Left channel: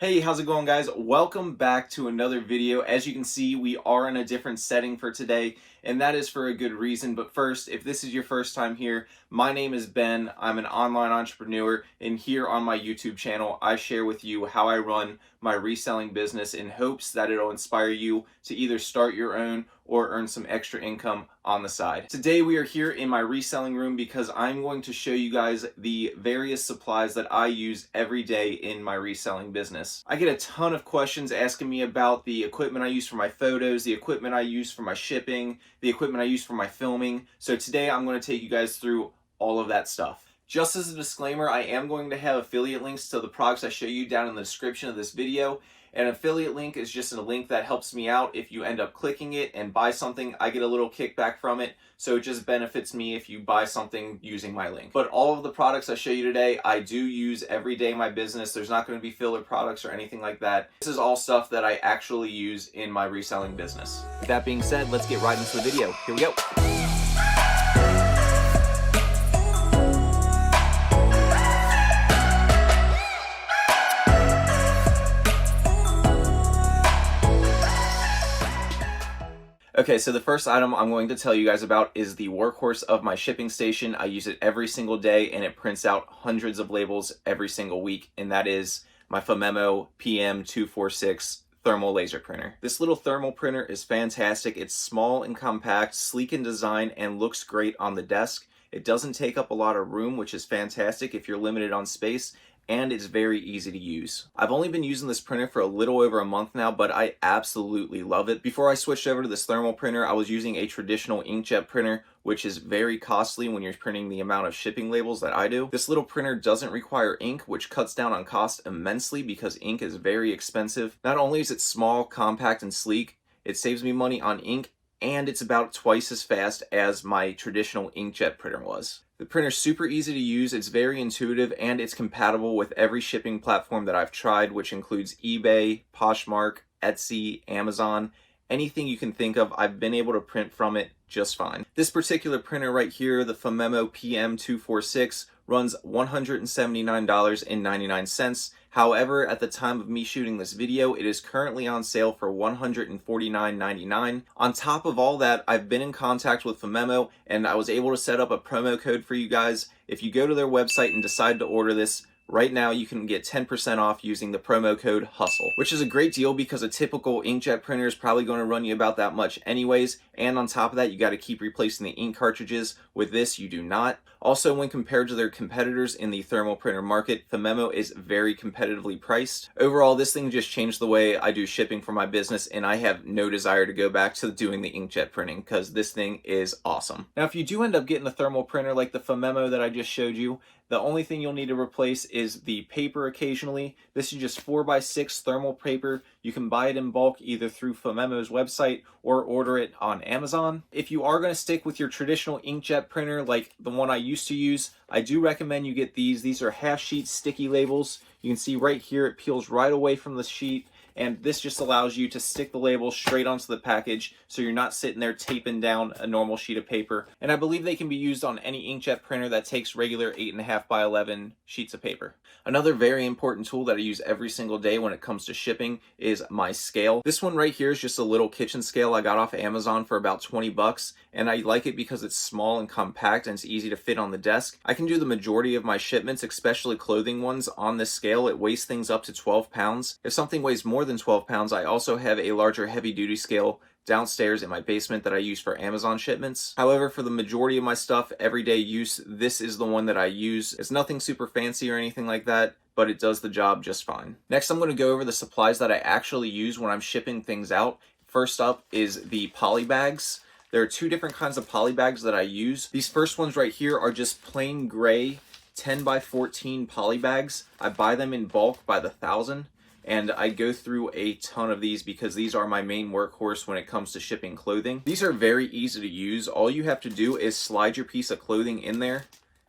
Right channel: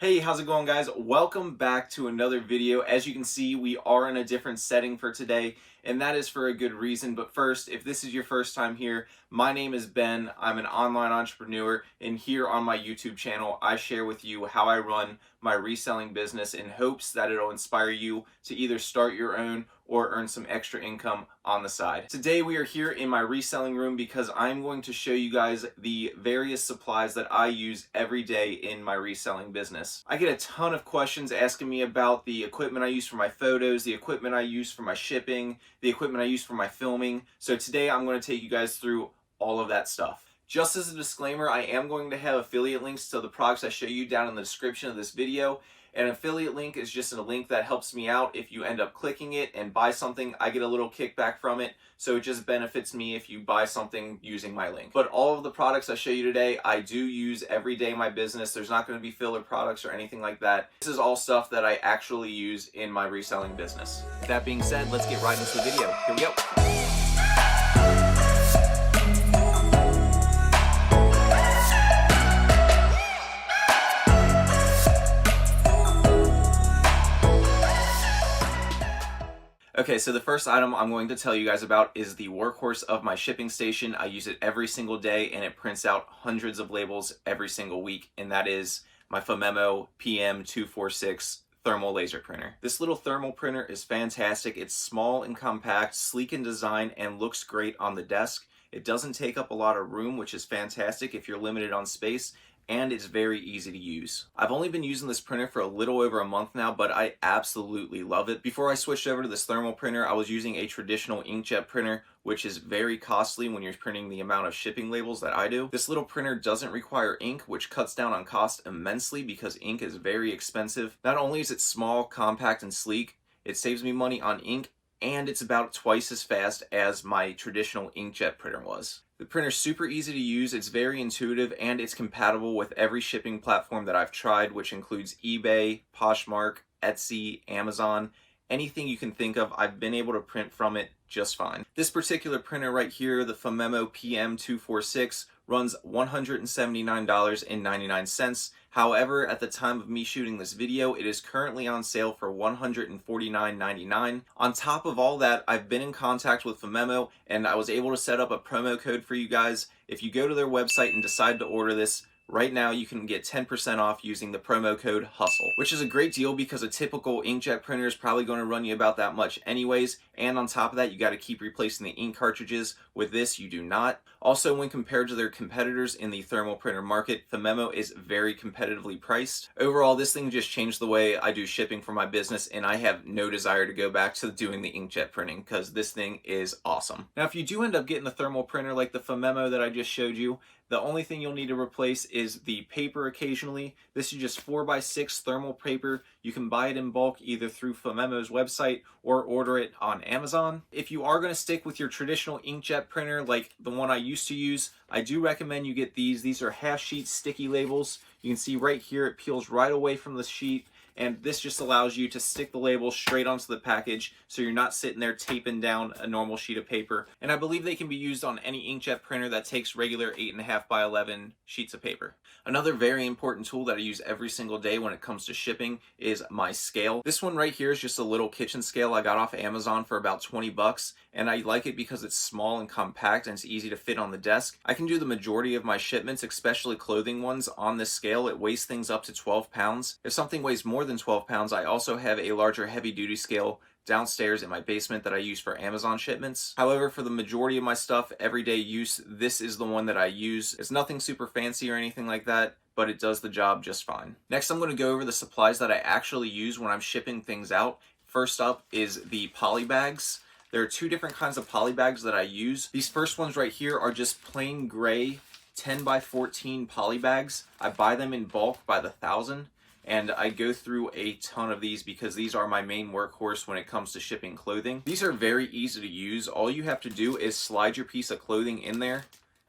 Hey, how's it going, guys? Welcome back to another video. As you can see, we are in a different setting for today, and that is for a good reason. But first, if this is your first time here, my name is Ben. I'm an online entrepreneur, and here on my YouTube channel, I share with you how I run my reselling business in hopes that it'll inspire you to either start your own or earn some extra income on the side. Today we are here in my reselling room because I'm going to show you guys the various supplies that I use every day in my reselling business. I get a ton of questions asking me about the equipment I use for my photos, the equipment I use for my shipping, the equipment I use for my filming. So today I'm going to take you guys through all of that stuff. Just as a disclaimer, I am going to have affiliate links to the products I show you down in the description of this video. An affiliate link is just a link that helps me out. If you end up clicking it and buy something, I get a little kickback from it. So it just benefits me if you buy something using my link. But all of the products I show you today, I do use every day in my business. There's not going to be filler products or anything like that. This is all stuff that I actually use in my reselling business. With that being said, let's get right into the video. Here we go. Okay, so the first item I'm going to tell you guys about is the workhorse of my shipping station. I use it every single day and it prints out hundreds of labels every single week, and that is my Famemo PM246 thermal laser printer. This little thermal printer is fantastic. It's small and compact, sleek in design, and looks great on the desk. It doesn't take up a lot of room, which is fantastic if you're limited on space, and it's very easy to use. I've only been using this printer for a little over a month now, but I absolutely love it. Before I switched over to this thermal printer, I was using a traditional inkjet printer, which is very costly when you're printing the amount of shipping labels that I do. This little printer doesn't require ink, which cuts down on cost immensely because ink is very expensive. Not only is it small, compact, and sleek, it saves me money on ink, and it's about twice as fast as my traditional inkjet printer was. The printer's super easy to use, it's very intuitive, and it's compatible with every shipping platform that I've tried, which includes eBay, Poshmark, Etsy, Amazon. Anything you can think of, I've been able to print from it just fine. This particular printer right here, the Famemo PM246, runs $179.99. However, at the time of me shooting this video, it is currently on sale for $149.99. On top of all that, I've been in contact with Famemo, and I was able to set up a promo code for you guys. If you go to their website and decide to order this, right now you can get 10% off using the promo code HUSTLE, which is a great deal because a typical inkjet printer is probably going to run you about that much anyways, and on top of that, you got to keep replacing the ink cartridges. With this, you do not. Also, when compared to their competitors in the thermal printer market, Famemo is very competitively priced. Overall, this thing just changed the way I do shipping for my business, and I have no desire to go back to doing the inkjet printing because this thing is awesome. Now, if you do end up getting a thermal printer like the Famemo that I just showed you, the only thing you'll need to replace is the paper occasionally. This is just 4x6 thermal paper. You can buy it in bulk either through Famemo's website or order it on Amazon. If you are going to stick with your traditional inkjet printer like the one I used to use, I do recommend you get these. These are half sheet sticky labels. You can see right here it peels right away from the sheet, and this just allows you to stick the label straight onto the package so you're not sitting there taping down a normal sheet of paper. And I believe they can be used on any inkjet printer that takes regular 8.5 by 11 sheets of paper. Another very important tool that I use every single day when it comes to shipping is my scale. This one right here is just a little kitchen scale I got off of Amazon for about 20 bucks, and I like it because it's small and compact and it's easy to fit on the desk. I can do the majority of my shipments, especially clothing ones, on this scale. It weighs things up to 12 pounds. If something weighs more than 12 pounds, I also have a larger heavy-duty scale downstairs in my basement that I use for Amazon shipments. However, for the majority of my stuff, everyday use, this is the one that I use. It's nothing super fancy or anything like that, but it does the job just fine. Next, I'm going to go over the supplies that I actually use when I'm shipping things out. First up is the poly bags. There are two different kinds of poly bags that I use. These first ones right here are just plain gray 10x14 poly bags. I buy them in bulk by the thousand, and I go through a ton of these because these are my main workhorse when it comes to shipping clothing. These are very easy to use. All you have to do is slide your piece of clothing in there,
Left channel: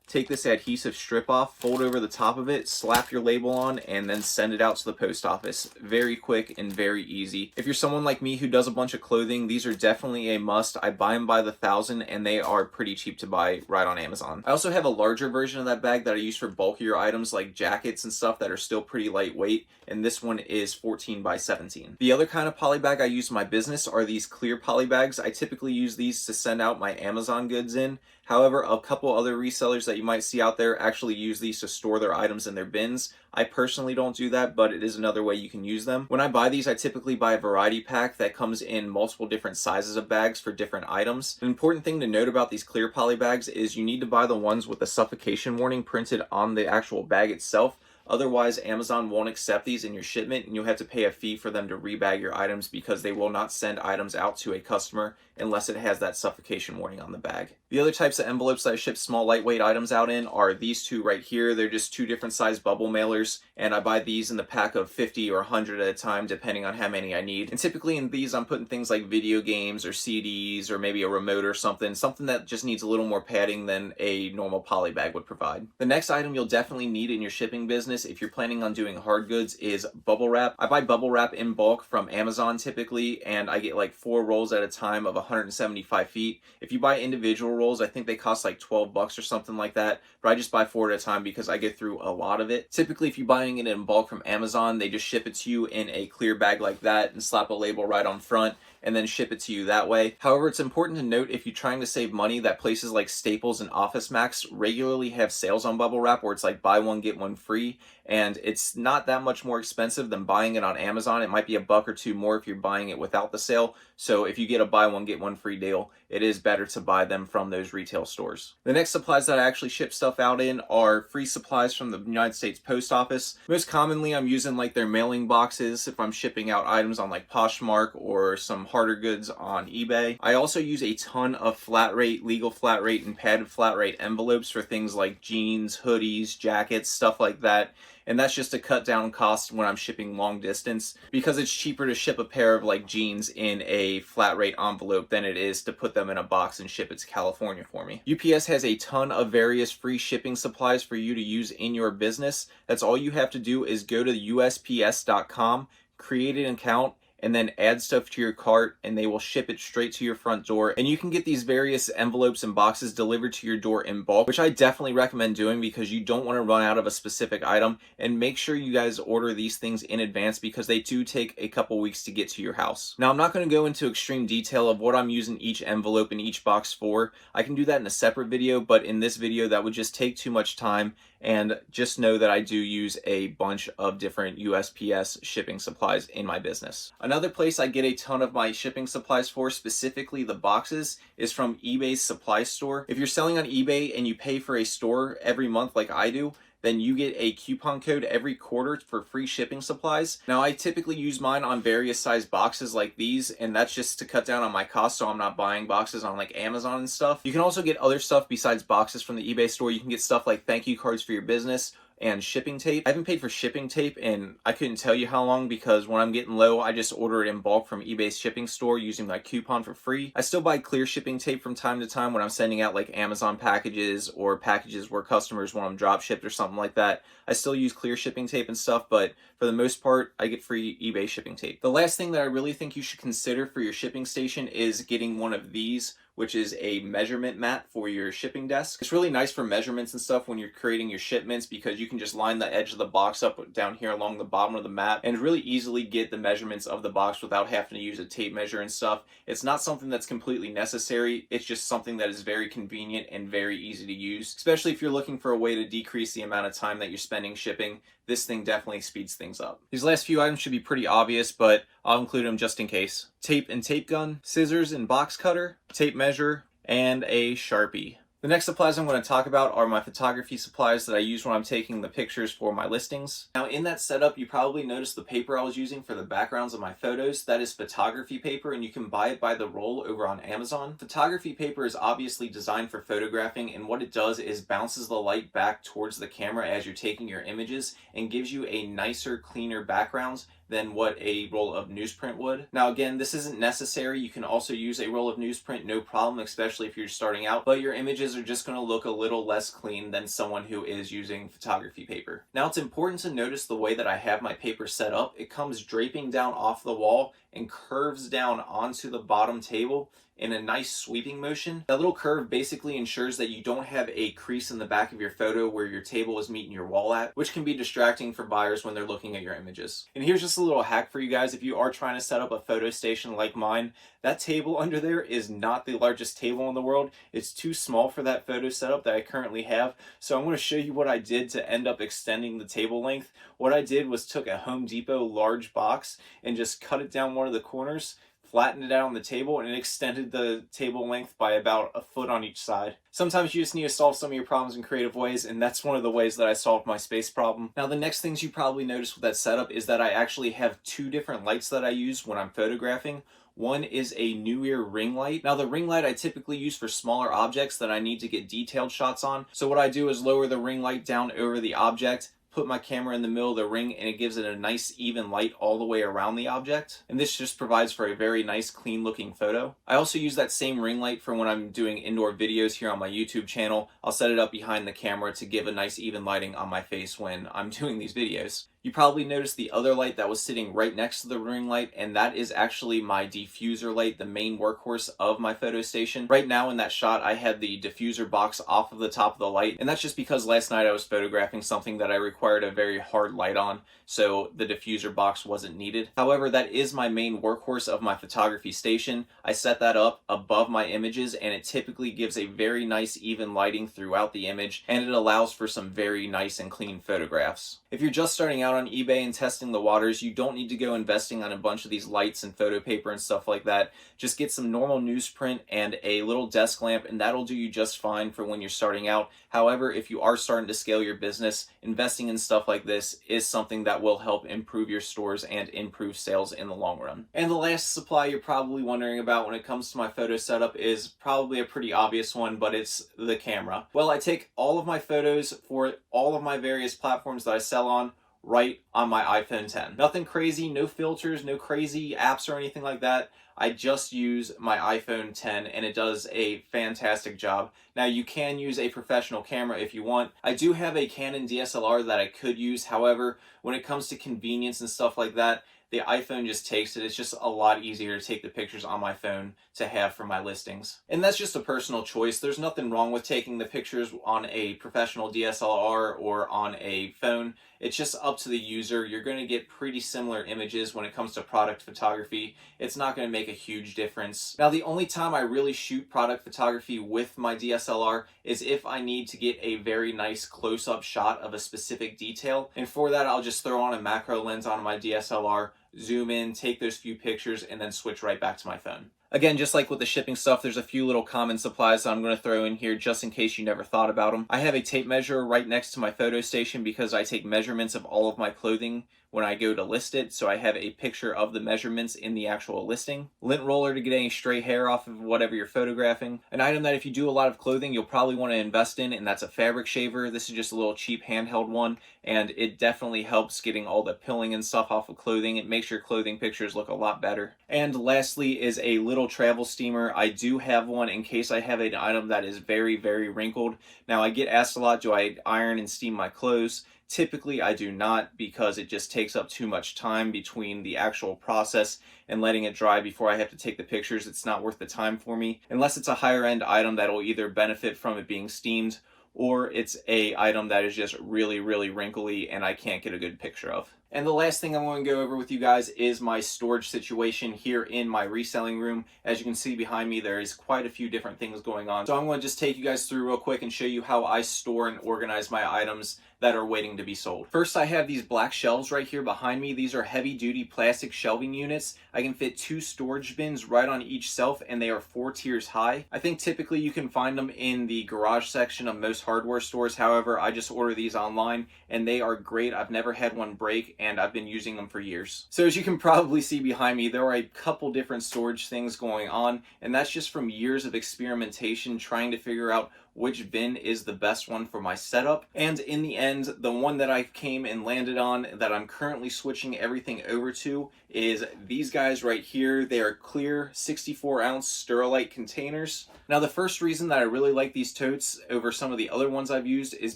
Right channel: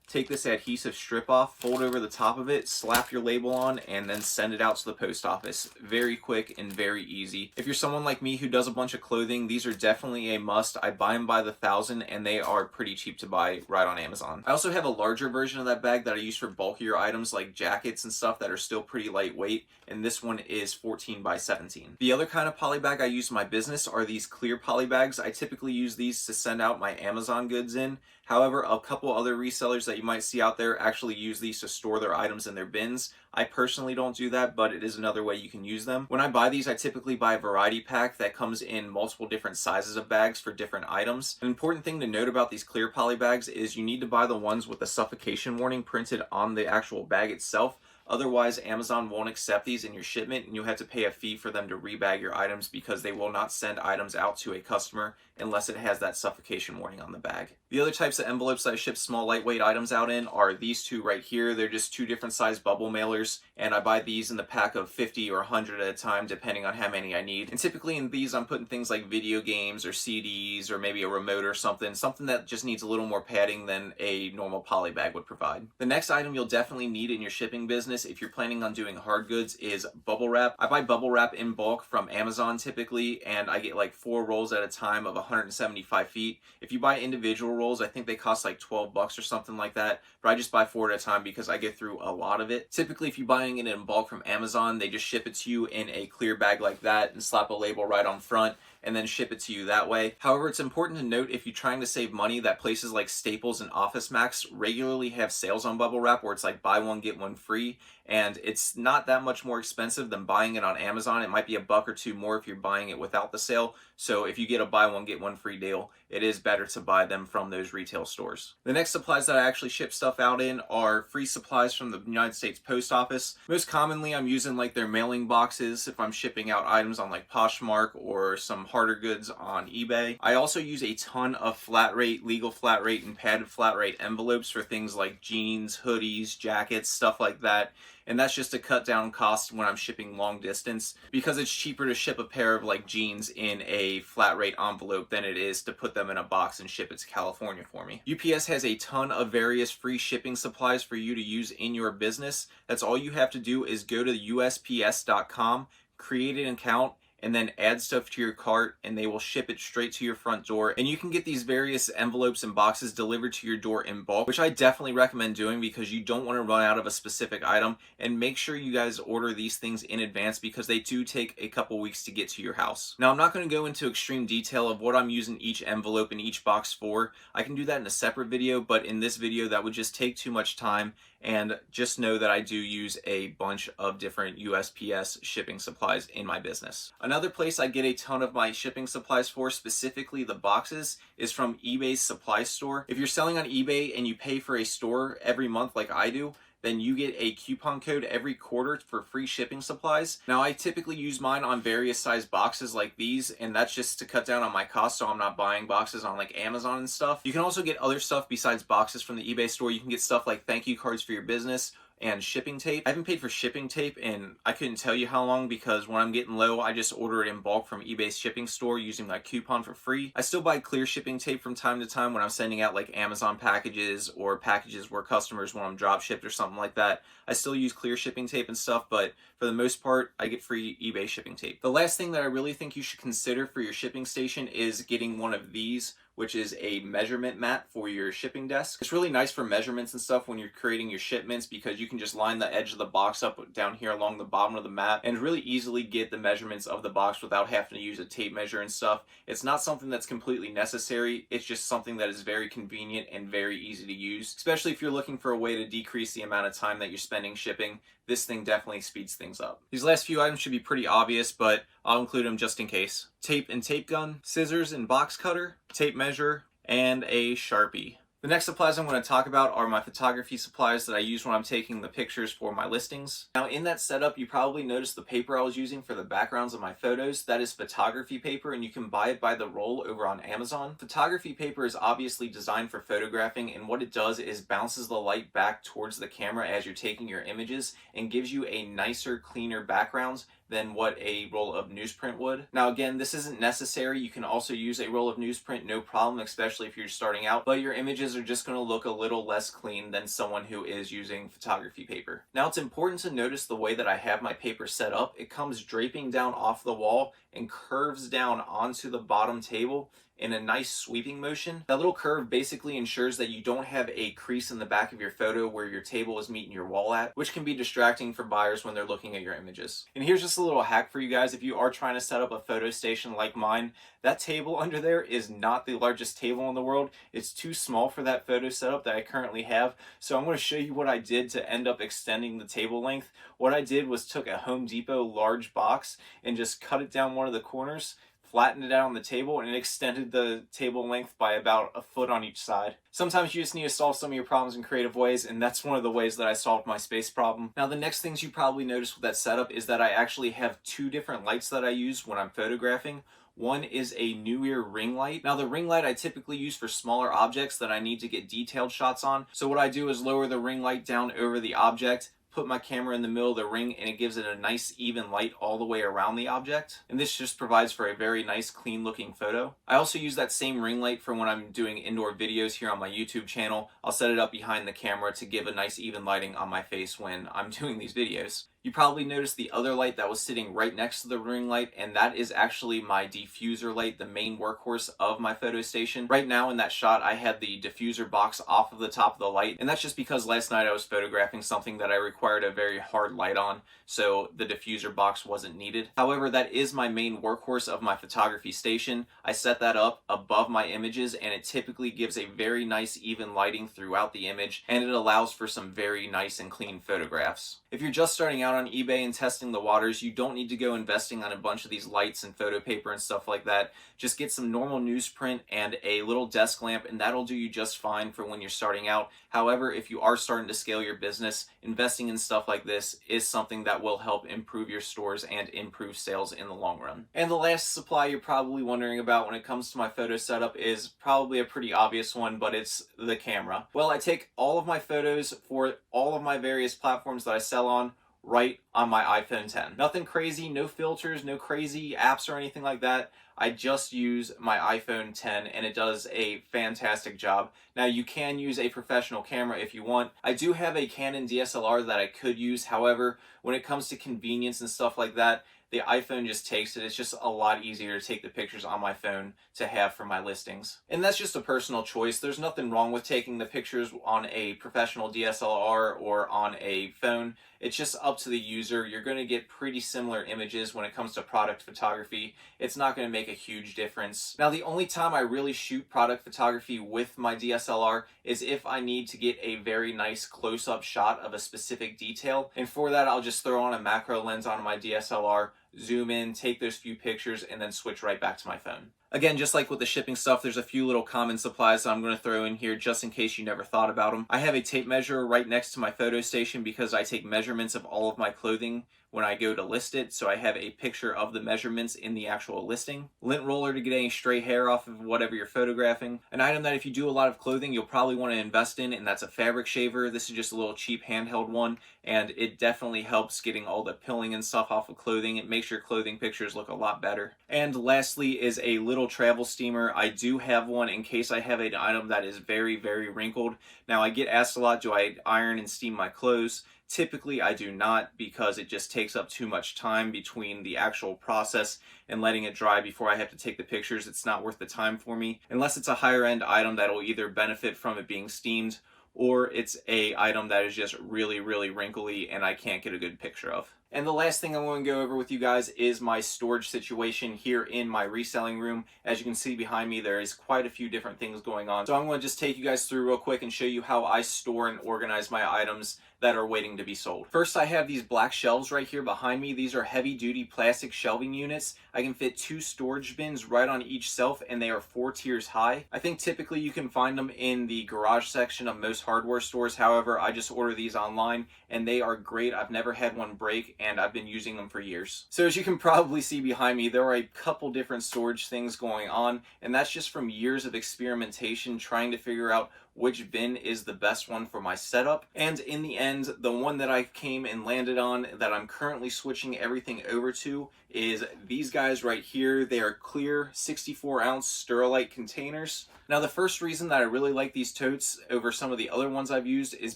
take this adhesive strip off, fold over the top of it, slap your label on, and then send it out to the post office. Very quick and very easy. If you're someone like me who does a bunch of clothing, these are definitely a must. I buy them by the thousand, and they are pretty cheap to buy right on Amazon. I also have a larger version of that bag that I use for bulkier items like jackets and stuff that are still pretty lightweight, and this one is 14 by 17. The other kind of poly bag I use in my business are these clear poly bags. I typically use these to send out my Amazon goods in. However, a couple other resellers that you might see out there actually use these to store their items in their bins. I personally don't do that, but it is another way you can use them. When I buy these, I typically buy a variety pack that comes in multiple different sizes of bags for different items. An important thing to note about these clear poly bags is you need to buy the ones with the suffocation warning printed on the actual bag itself. Otherwise, Amazon won't accept these in your shipment, and you'll have to pay a fee for them to rebag your items because they will not send items out to a customer unless it has that suffocation warning on the bag. The other types of envelopes that I ship small lightweight items out in are these two right here. They're just two different size bubble mailers, and I buy these in the pack of 50 or 100 at a time depending on how many I need. And typically in these I'm putting things like video games or CDs or maybe a remote or something that just needs a little more padding than a normal poly bag would provide. The next item you'll definitely need in your shipping business if you're planning on doing hard goods is bubble wrap. I buy bubble wrap in bulk from Amazon typically, and I get like 4 rolls at a time of 175 feet. If you buy individual rolls, I think they cost like $12 or something like that, but I just buy 4 at a time because I get through a lot of it. Typically, if you're buying it in bulk from Amazon, they just ship it to you in a clear bag like that and slap a label right on front and then ship it to you that way. However, it's important to note if you're trying to save money that places like Staples and Office Max regularly have sales on bubble wrap where it's like buy one, get one free. And it's not that much more expensive than buying it on Amazon. It might be $1 or $2 more if you're buying it without the sale. So if you get a buy one, get one free deal, it is better to buy them from those retail stores. The next supplies that I actually ship stuff out in are free supplies from the United States Post Office. Most commonly, I'm using like their mailing boxes if I'm shipping out items on like Poshmark or some harder goods on eBay. I also use a ton of flat rate, legal flat rate, and padded flat rate envelopes for things like jeans, hoodies, jackets, stuff like that. And that's just to cut down costs when I'm shipping long distance because it's cheaper to ship a pair of like jeans in a flat rate envelope than it is to put them in a box and ship it to California for me. UPS has a ton of various free shipping supplies for you to use in your business. That's all you have to do is go to USPS.com, create an account, and then add stuff to your cart and they will ship it straight to your front door. And you can get these various envelopes and boxes delivered to your door in bulk, which I definitely recommend doing because you don't want to run out of a specific item. And make sure you guys order these things in advance because they do take a couple weeks to get to your house. Now, I'm not going to go into extreme detail of what I'm using each envelope and each box for. I can do that in a separate video, but in this video that would just take too much time. And just know that I do use a bunch of different USPS shipping supplies in my business. Another place I get a ton of my shipping supplies for, specifically the boxes, is from eBay's supply store. If you're selling on eBay and you pay for a store every month like I do, then you get a coupon code every quarter for free shipping supplies. Now, I typically use mine on various size boxes like these, and that's just to cut down on my costs so I'm not buying boxes on like Amazon and stuff. You can also get other stuff besides boxes from the eBay store. You can get stuff like thank you cards for your business and shipping tape. I haven't paid for shipping tape and I couldn't tell you how long because when I'm getting low, I just order it in bulk from eBay's shipping store using my coupon for free. I still buy clear shipping tape from time to time when I'm sending out like Amazon packages or packages where customers want them drop shipped or something like that. I still use clear shipping tape and stuff, but for the most part, I get free eBay shipping tape. The last thing that I really think you should consider for your shipping station is getting one of these, which is a measurement mat for your shipping desk. It's really nice for measurements and stuff when you're creating your shipments because you can just line the edge of the box up down here along the bottom of the mat and really easily get the measurements of the box without having to use a tape measure and stuff. It's not something that's completely necessary. It's just something that is very convenient and very easy to use, especially if you're looking for a way to decrease the amount of time that you're spending shipping. This thing definitely speeds things up. These last few items should be pretty obvious, but I'll include them just in case. Tape and tape gun, scissors and box cutter, tape measure, and a Sharpie. The next supplies I'm going to talk about are my photography supplies that I use when I'm taking the pictures for my listings. Now in that setup, you probably noticed the paper I was using for the backgrounds of my photos. That is photography paper and you can buy it by the roll over on Amazon. Photography paper is obviously designed for photographing and what it does is bounces the light back towards the camera as you're taking your images and gives you a nicer, cleaner background than what a roll of newsprint would. Now again, this isn't necessary. You can also use a roll of newsprint, no problem, especially if you're starting out, but your images are just going to look a little less clean than someone who is using photography paper. Now it's important to notice the way that I have my paper set up. It comes draping down off the wall and curves down onto the bottom table in a nice sweeping motion. That little curve basically ensures that you don't have a crease in the back of your photo where your table is meeting your wall at, which can be distracting for buyers when they're looking at your images. And here's just a little hack for you guys. If you are trying to set up a photo station like mine, that table under there is not the largest table in the world. It's too small for that photo setup that I currently have. So I'm going to show you what I did to end up extending the table length. What I did was took a Home Depot large box and just cut it down one of the corners, flattened it out on the table, and it extended the table length by about a foot on each side. Sometimes you just need to solve some of your problems in creative ways, and that's one of the ways that I solved my space problem. Now, the next things you probably noticed with that setup is that I actually have two different lights that I use when I'm photographing. One is a New Year ring light. Now the ring light I typically use for smaller objects that I need to get detailed shots on. So what I do is lower the ring light down over the object, put my camera in the middle of the ring, and it gives it a nice even light all the way around the object. And this just provides for a very nice clean looking photo. I also use that same ring light for when I'm doing indoor videos here on my YouTube channel. I'll set it up behind the camera to give a nice even lighting on my face when I'm doing these videos. You probably noticed the other light that was sitting right next to the ring light, and that is actually my diffuser light, the main workhorse of my photo station. Right now in that shot, I had the diffuser box off of the top of the light, and that's just because last night I was photographing something that I required a very hard light on, so the diffuser box wasn't needed. However, that is my main workhorse of my photography station. I set that up above my images, and it typically gives a very nice even lighting throughout the image, and it allows for some very nice and clean photographs. If you're just starting out on eBay and testing the waters, you don't need to go investing on a bunch of these lights and photo paper and stuff like that. Just get some normal newsprint and a little desk lamp, and that'll do you just fine for when you're starting out. However, if you are starting to scale your business, investing in stuff like this is something that will help improve your stores and improve sales in the long run. And the last supply you're probably wondering about when it comes to my photo setup is probably a pretty obvious one, but it's the camera. Well, I take all of my photos for all of my various platforms that I sell on right on my iPhone 10. Nothing crazy, no filters, no crazy apps or anything like that. I just use my iPhone 10 and it does a fantastic job. Now you can use a professional camera if you want. I do have a Canon DSLR that I could use. However, when it comes to convenience and stuff like that, the iPhone just takes it. It's just a lot easier to take the pictures on my phone to have for my listings. And that's just a personal choice. There's nothing wrong with taking the pictures on a professional DSLR or on a phone. It's just up to the user. You're going to get pretty similar images when it comes to product photography. It's not going to make a huge difference. Now, the only time I really shoot product photography with my DSLR is if I need to get a very nice close-up shot of a specific detail. And for that, I'll just throw on a macro lens on my DSLR, zoom in, take those few pictures, and then switch right back to my phone. Again, just like with the shipping stuff, there's a few little common supplies that I'm going to throw in here just in case you never thought about them. I have a tape measure right next to my photo station because I take measurements of all of my clothing when I go to list it, so I have a picture of the measurements in the actual listing. Lint roller to get any stray hair off of whatever you're photographing. An item that if you do a lot of clothing, you'll probably want to invest in, and that's a fabric shaver. This is just a little cheap handheld one, and it definitely helps getting all the pilling and stuff off of clothing. It makes your clothing pictures look a lot better. And lastly is a little travel steamer. I do have one in case I have an item that is very, very wrinkled. Now, I get asked a lot, do I iron and steam my clothes? Typically, I do not because it just takes up too much time between the actual process and letting it dry before I have to take the pictures. It's not worth the time for me unless it's a higher end item that will either benefit from it being steamed or it's a item that is just really, really wrinkly and I can't get a good picture of. And the last thing I'm going to go over with you guys is my storage situation here in my reselling room. As you can see behind me, there is quite a few different things going on. So I'm going to just take you guys through real quick and show you how I store and organize my items that are waiting to be sold. First, I have these black shelves right here behind me. These are heavy-duty plastic shelving units. I can fit 2 storage bins right on each shelf, and they are 4 tiers high. I think typically you can find them in the garage section of most hardware stores. However, I just order these online, and they are great. I've never had one break, and I've been using them for years. So as you can probably see behind me, there are a couple different storage things going on, and that's just from years of experimentation trying to figure out which bin is the best one for my setup. And in the end, the one that I came and landed on that I'm currently switching everything over to is these guys right here. They are clear 64-ounce Sterilite containers. Now, the first reason that I really like these totes over some of the other ones I've used is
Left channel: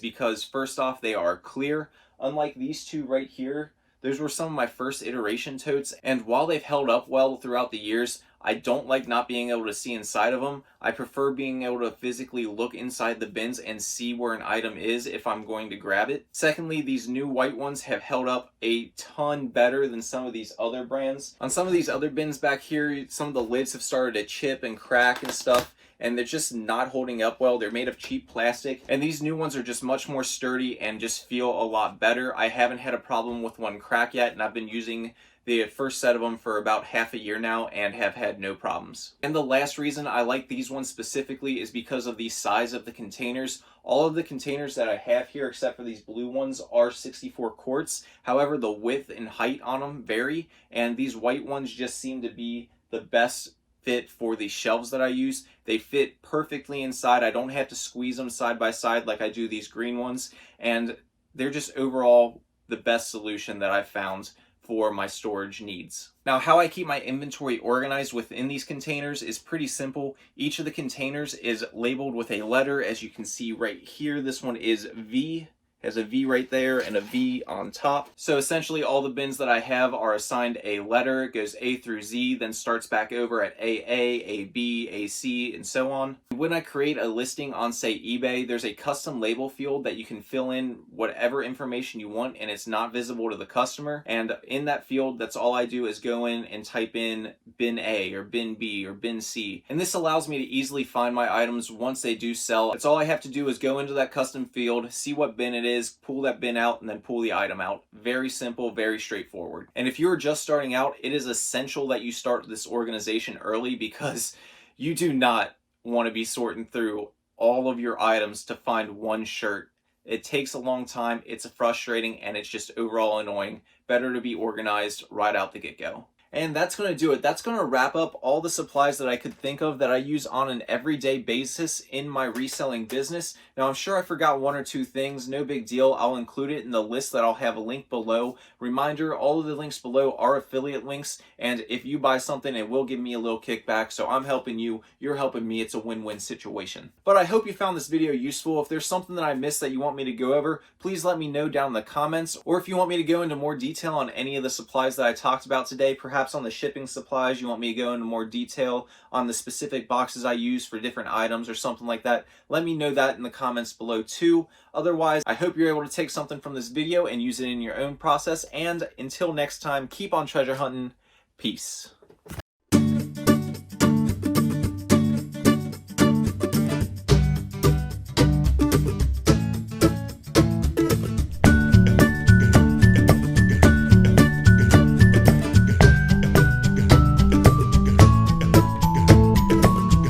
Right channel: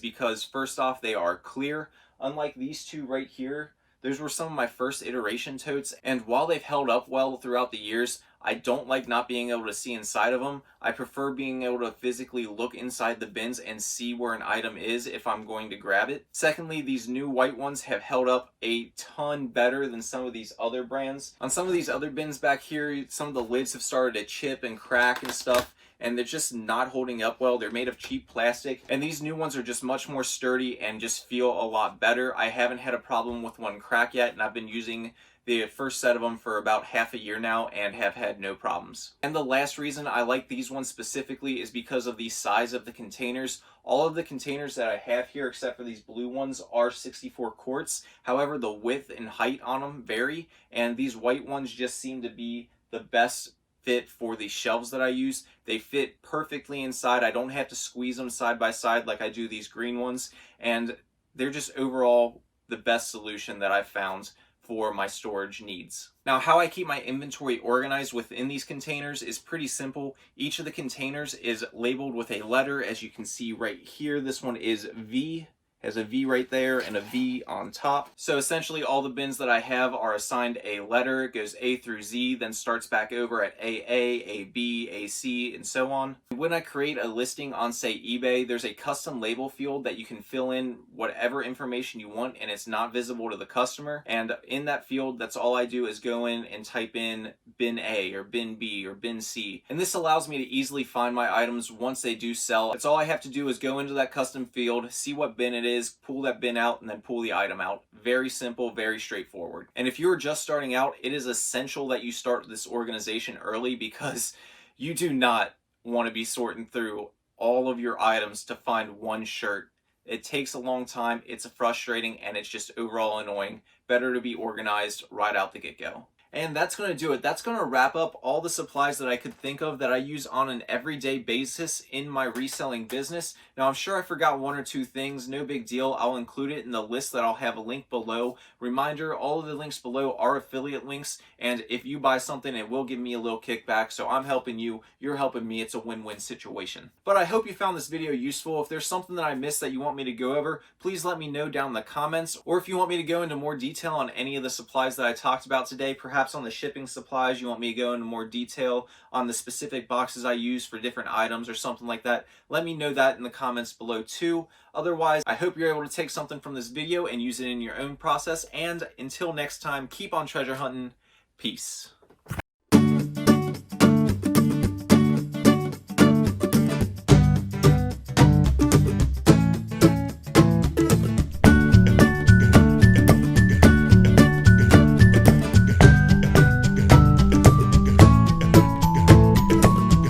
because, first off, they are clear. Unlike these two right here, those were some of my first iteration totes, and while they've held up well throughout the years, I don't like not being able to see inside of them. I prefer being able to physically look inside the bins and see where an item is if I'm going to grab it. Secondly, these new white ones have held up a ton better than some of these other brands. On some of these other bins back here, some of the lids have started to chip and crack and stuff, and they're just not holding up well. They're made of cheap plastic, and these new ones are just much more sturdy and just feel a lot better. I haven't had a problem with one crack yet, and I've been using the first set of them for about half a year now and have had no problems. And the last reason I like these ones specifically is because of the size of the containers. All of the containers that I have here, except for these blue ones, are 64 quarts. However, the width and height on them vary, and these white ones just seem to be the best fit for the shelves that I use. They fit perfectly inside. I don't have to squeeze them side by side like I do these green ones, and they're just overall the best solution that I've found for my storage needs. Now, how I keep my inventory organized within these containers is pretty simple. Each of the containers is labeled with a letter, as you can see right here. This one is V, has a V right there and a V on top. So essentially all the bins that I have are assigned a letter. It goes A through Z, then starts back over at AA, AB, AC, and so on. When I create a listing on, say, eBay, there's a custom label field that you can fill in whatever information you want, and it's not visible to the customer. And in that field, that's all I do is go in and type in bin A or bin B or bin C. And this allows me to easily find my items once they do sell. That's all I have to do is go into that custom field, see what bin it is, pull that bin out, and then pull the item out. Very simple, very straightforward. And if you're just starting out, it is essential that you start this organization early, because you do not want to be sorting through all of your items to find one shirt. It takes a long time, it's frustrating, and it's just overall annoying. Better to be organized right out the get-go. And that's going to do it. That's going to wrap up all the supplies that I could think of that I use on an everyday basis in my reselling business. Now, I'm sure I forgot one or two things. No big deal. I'll include it in the list that I'll have a link below. Reminder, all of the links below are affiliate links, and if you buy something, it will give me a little kickback. So I'm helping you, you're helping me. It's a win-win situation. But I hope you found this video useful. If there's something that I missed that you want me to go over, please let me know down in the comments. Or if you want me to go into more detail on any of the supplies that I talked about today, perhaps on the shipping supplies, you want me to go into more detail on the specific boxes I use for different items or something like that, let me know that in the comments below too. Otherwise, I hope you're able to take something from this video and use it in your own process. And until next time, keep on treasure hunting. Peace.